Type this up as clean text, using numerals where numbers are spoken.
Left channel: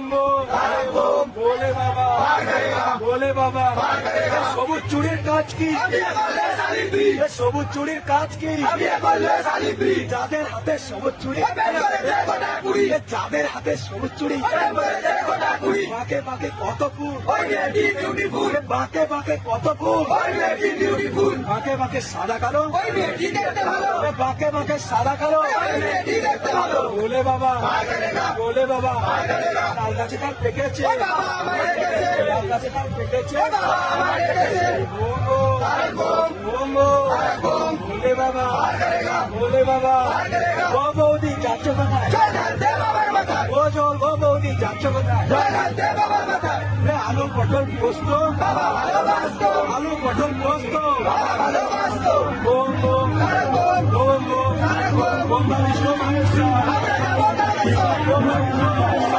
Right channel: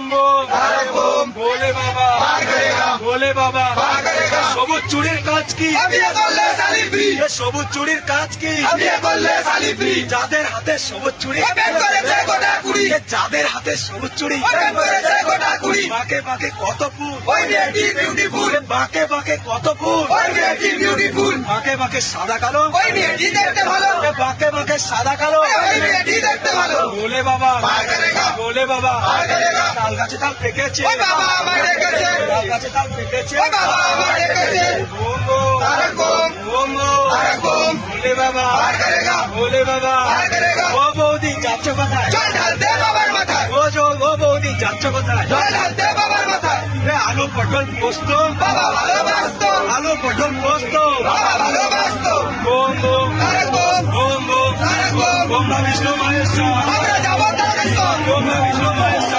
बोम बोम भोले बाबा भोले बाबा সবুজ চুরির কাজ কি সবুজ চুরির কাজ কি যাদের হাতে সবুজ চুরি যাদের হাতে সবুজ চুরি বাঁকে বাঁকে কত ফুল বাঁকে বাঁকে কত ফুল বাঁকে বাঁকে সাদা কালো বাঁকে বাঁকে সাদা কালো ভোলে বাবা ভোলে বাবা তাল গাছে তাল পেকেছে তাল গাছে তাল পেকেছে ভোলে বাবা ভোলে বাবা ও বৌদি যাচ্ছ কোথায় ও বৌদি যাচ্ছ কোথায় আলু পটল পোস্ত আলু পটল পোস্ত ওম ওম ওম ওম ওম বিষ্ণু মহেশ্বর ওম বিষ্ণু মহেশ্বর